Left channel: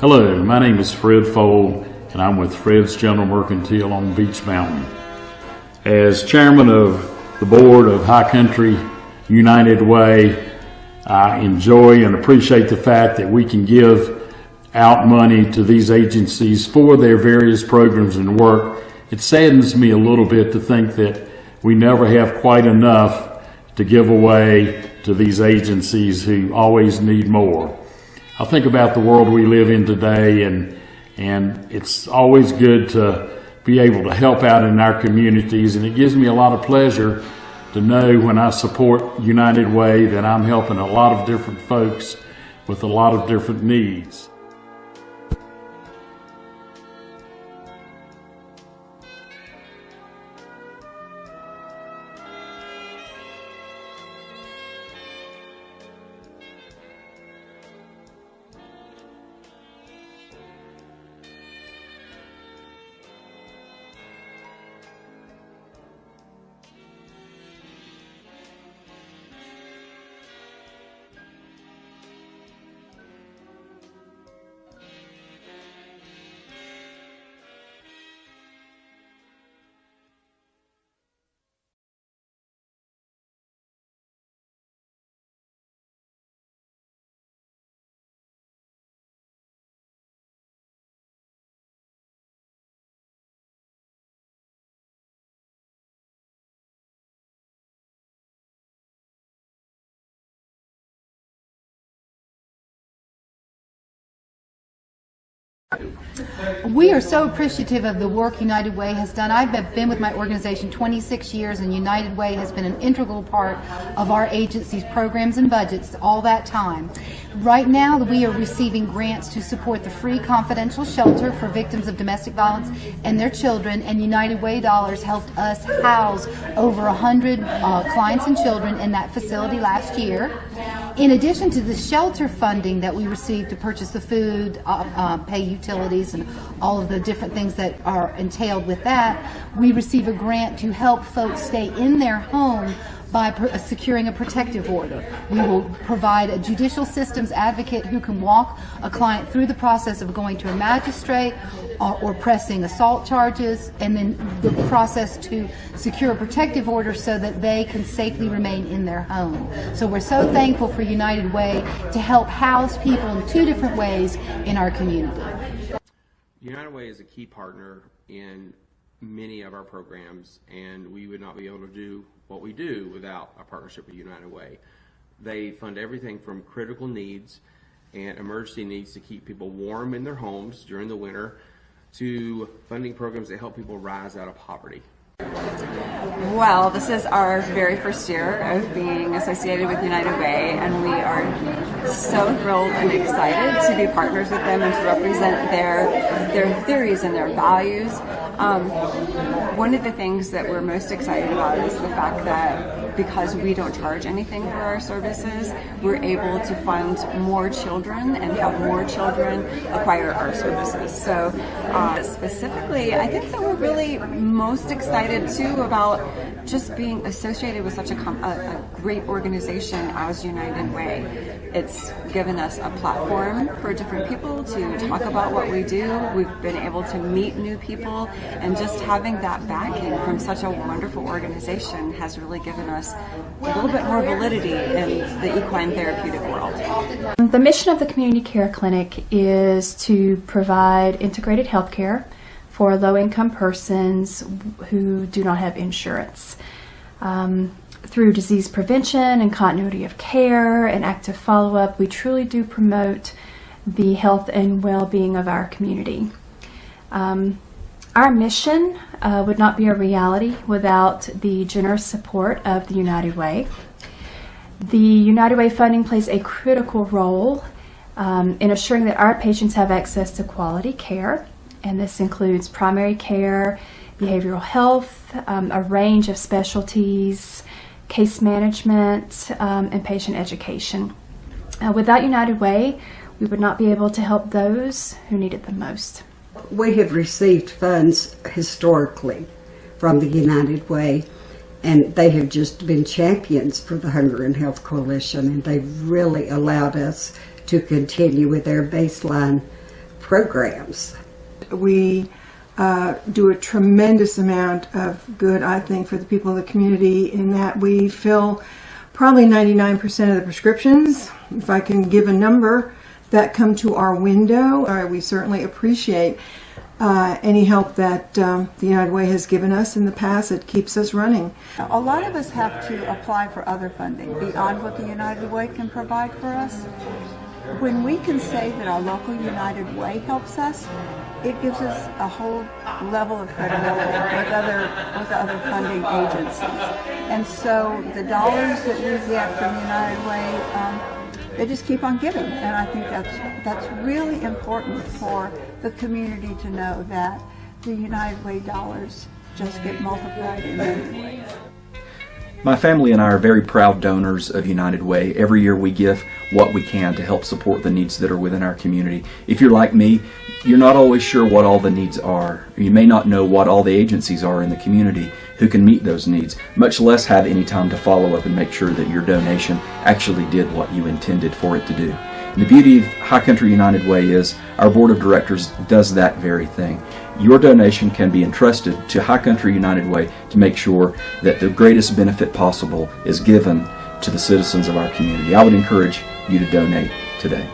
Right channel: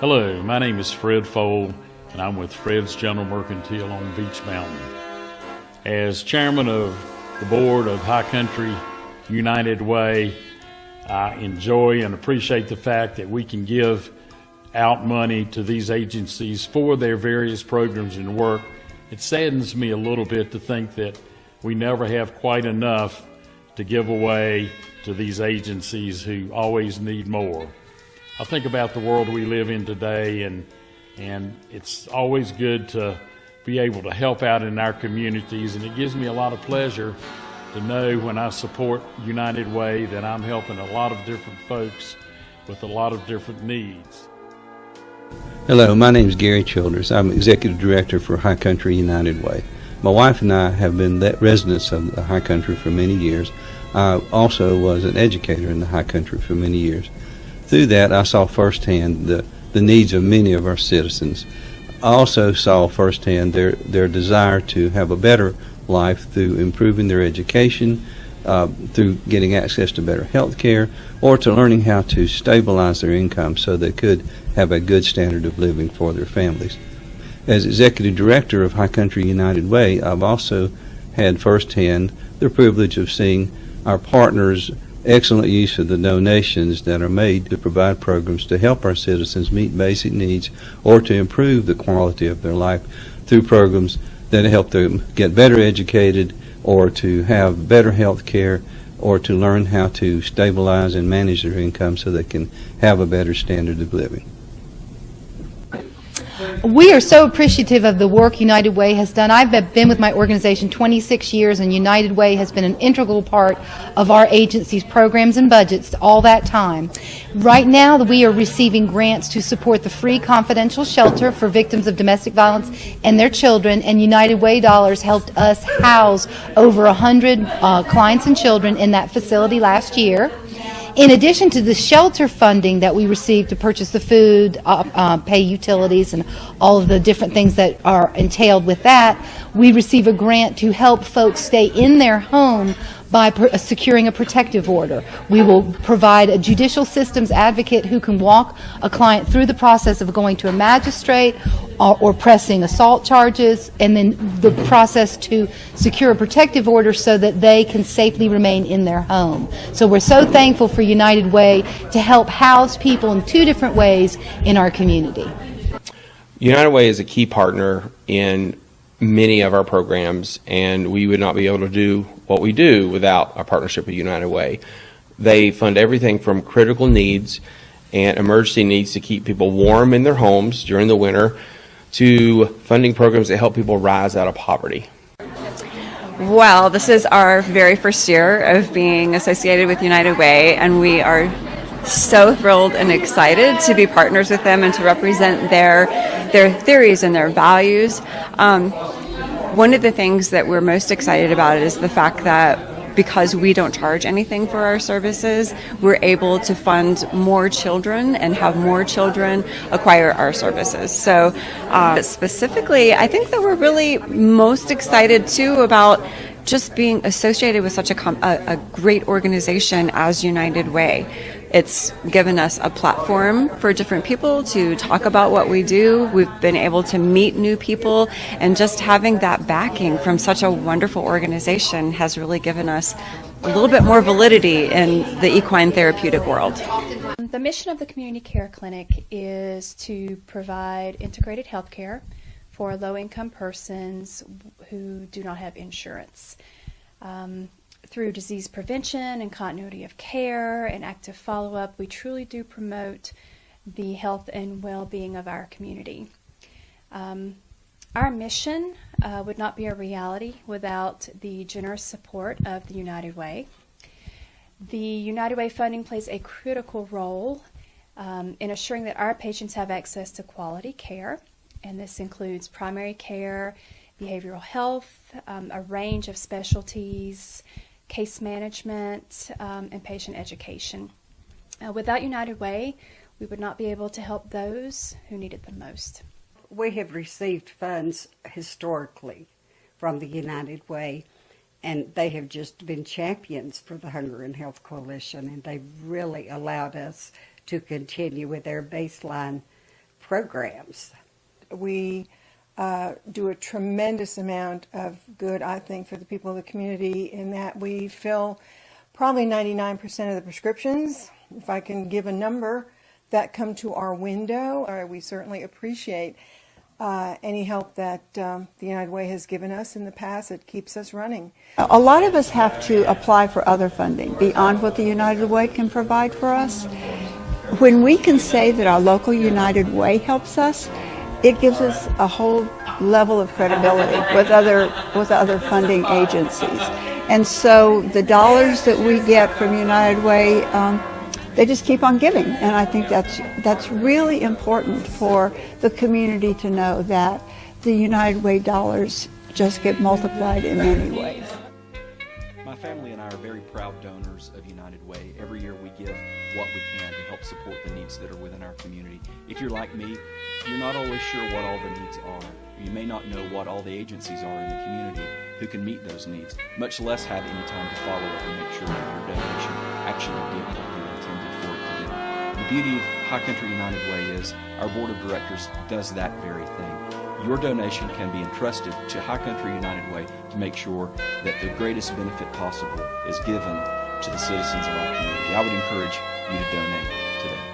Hello, my name is Fred Fold, and I'm with Fred's General Mercantile on Beach Mountain. As chairman of the board of High Country United Way, I enjoy and appreciate the fact that we can give out money to these agencies for their various programs and work. It saddens me a little bit to think that we never have quite enough to give away to these agencies who always need more. I think about the world we live in today, and it's always good to be able to help out in our communities, and it gives me a lot of pleasure to know when I support United Way that I'm helping a lot of different folks with a lot of different needs. Hello, my name is Gary Childers. I'm Executive Director for High Country United Way. My wife and I have been residents of the High Country for many years. I also was an educator in the High Country for many years. Through that, I saw firsthand the needs of many of our citizens. I also saw firsthand their desire to have a better life through improving their education, through getting access to better health care, or to learning how to stabilize their income so they could have a good standard of living for their families. As Executive Director of High Country United Way, I've also had firsthand the privilege of seeing our partners' excellent use of the donations that are made to provide programs to help our citizens meet basic needs or to improve the quality of their life through programs that help them get better educated or to have better health care or to learn how to stabilize and manage their income so they can have a better standard of living. We are so appreciative of the work United Way has done. I've been with my organization 26 years, and United Way has been an integral part of our agency's programs and budgets all that time. Right now, we are receiving grants to support the free confidential shelter for victims of domestic violence and their children, and United Way dollars helped us house over 100 clients and children in that facility last year. In addition to the shelter funding that we receive to purchase the food, pay utilities, and all of the different things that are entailed with that, we receive a grant to help folks stay in their home by securing a protective order. We will provide a judicial systems advocate who can walk a client through the process of going to a magistrate or pressing assault charges, and then the process to secure a protective order so that they can safely remain in their home. So we're so thankful for United Way to help house people in two different ways in our community. United Way is a key partner in many of our programs, and we would not be able to do what we do without our partnership with United Way. They fund everything from critical needs and emergency needs to keep people warm in their homes during the winter to funding programs that help people rise out of poverty. Well, this is our very first year of being associated with United Way, and we are so thrilled and excited to be partners with them and to represent their theories and their values. One of the things that we're most excited about is the fact that because we don't charge anything for our services, we're able to fund more children and have more children acquire our services. So specifically, I think that we're really most excited too about just being associated with such a great organization as United Way. It's given us a platform for different people to talk about what we do. We've been able to meet new people, and just having that backing from such a wonderful organization has really given us a little bit more validity in the equine therapeutic world. The mission of the Community Care Clinic is to provide integrated health care for low-income persons who do not have insurance. Through disease prevention and continuity of care and active follow-up, we truly do promote the health and well-being of our community. Our mission would not be a reality without the generous support of the United Way. The United Way funding plays a critical role in assuring that our patients have access to quality care, and this includes primary care, behavioral health, a range of specialties, case management, and patient education. Without United Way, we would not be able to help those who need it the most. We have received funds historically from the United Way, and they have just been champions for the Hunger and Health Coalition, and they've really allowed us to continue with their baseline programs. We do a tremendous amount of good, I think, for the people of the community in that we fill probably 99% of the prescriptions, if I can give a number, that come to our window. We certainly appreciate any help that the United Way has given us in the past. It keeps us running. A lot of us have to apply for other funding beyond what the United Way can provide for us. When we can say that our local United Way helps us, it gives us a whole level of credibility with other funding agencies. And so the dollars that we get from United Way, they just keep on giving. And I think that's really important for the community to know that the United Way dollars just get multiplied in many ways. My family and I are very proud donors of United Way. Every year we give what we can to help support the needs that are within our community. If you're like me, you're not always sure what all the needs are. You may not know what all the agencies are in the community who can meet those needs, much less have any time to follow up and make sure that your donation actually did what you intended for it to do. And the beauty of High Country United Way is our board of directors does that very thing. Your donation can be entrusted to High Country United Way to make sure that the greatest benefit possible is given to the citizens of our community. I would encourage you to donate today.